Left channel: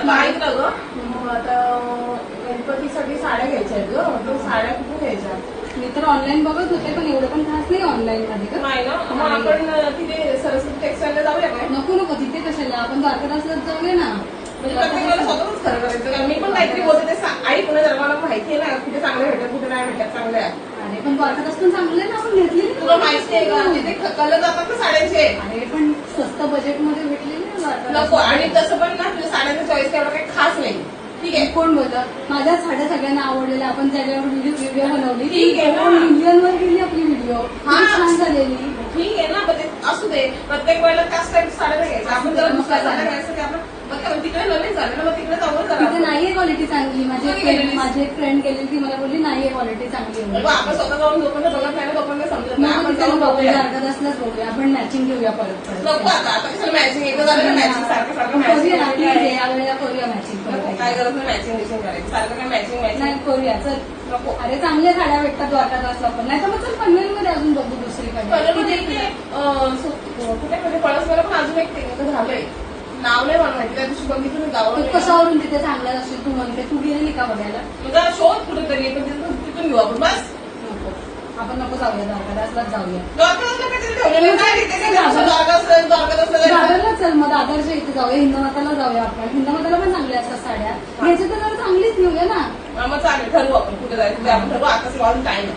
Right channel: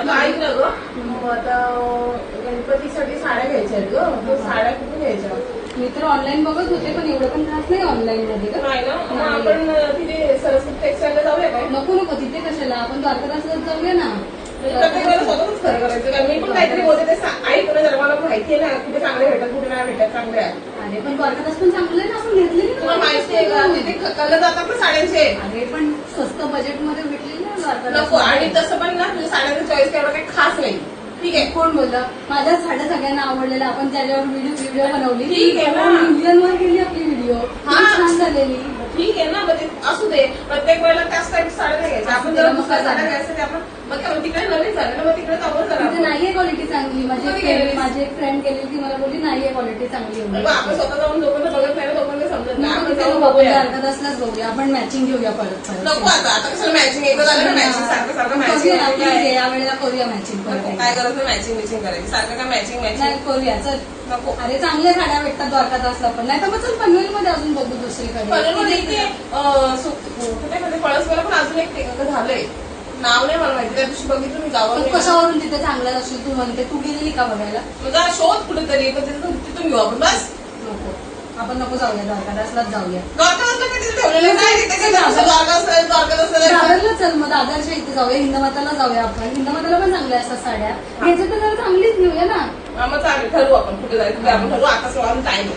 आता ऐकलं ग, आता गणपतीसाठी साड्या घ्यायच्या आहेत ग, तो साड्या कुठे घ्यायच्या? मी तर ऑनलाईन बघत होते, पण एवढं पण खास नाही ऑनलाईन मध्ये. नाही ना, मग आपण तिथे सरस्वती टेक्सटाईलला जाऊया काय? नको नको, तिथे कशाला, आपण द्वारकादासलाच जाऊया ना. प्रत्येक वेळेला स्वतःच खरं करायचं. मी पण काहीतरी बोलते ते ऐक ना, जर मला माहिती आहे ना कुठे चांगले भेटतात कुठे नाही भेटत चांगले आहे. अरे पण द्वारकादास पण चांगलं आहे ना, आपण घेतलेली तुला माहिती आहे का तिथे कलर जातात ना साड्यांचे? अरे पण स्वस्त बजेटमध्ये भेटलेली ना द्वारकादास. नको, आणि तसं पण ना तुझ्या साड्यांचं चॉईस तेवढं काही खास नाही. ठीक आहे, कोण बोललं माझ्या साड्या सगळ्यांना आवडलेल्या, आपण त्याच्यावर व्हिडिओ बनवली, ठीक आहे ना. मिलियनवर गेली आपली व्हिडिओ, छान झालेली. ठीक आहे ना, पण ते असू दे. प्रत्येक वेळेला त्याच टाईप साड्या नाही घ्यायच्या. आपण जर दुसऱ्या साड्या घ्यायचं ते आपण मग तिकडे नवीन झालं ना, मग तिकडे जाऊन तिथे करा. नाहीये क्वालिटी चांगली. माझी एक फ्रेंड गेली ती मला बोलली नाहीये क्वालिटी चांगली. आपण स्वतः जाऊन जोपर्यंत बघत नाही ना तोपर्यंत समजत नाही. आपण जाऊन बघूया, बघूया. द्वारकादासलाच बघूया, आपण मॅचिंग घेऊया परत. नको आता कशाला मॅचिंग येतं झालं ना, मॅचिंग सारखं सारखं करूया ना, प्लीज मॅचिंग. या वेळेला करूया मॅचिंग परत. काय गरज नाही मॅचिंग मॅचिंग करायची, सारखं काय मॅचिंग मॅचिंग नाही करूया चल. नको. अरे चांगल्या साड्या भेटतात द्वारकादासला पण, नाही तर मग चल पनवेलमध्ये अजून बघू दुसरीकडे. पनवेलमध्ये इथे कुठे पळसमध्ये पण अजून एक झालंय, नाव नाही मला माहिती, त्या दिवशी बघितलं मी जावं. तू कशावरून तिथे चांगल्या असेल तू म्हणते, तू गेलेली का बघायला? म्हणजे शोध कुठेतरी तिथून घेऊ आपण बस. नको, आपण नको जाऊया, द्वारकादासलाच जाऊया. द्वारकादासला कधी ठेवलेलं नाही, तिथे काय द्वारकादास दादरला चल, मग दादरच्या इथे जाऊया, हिंदमाताला जाऊया आपण. हिंदमाताला पण चांगल्या असतात साड्या, घ्यायच्या तर जरा चांगलीच घेऊया ना. मग चालेल, ठरवू आपण कुठे जायचं ते आपण ठरवू. आता टाइम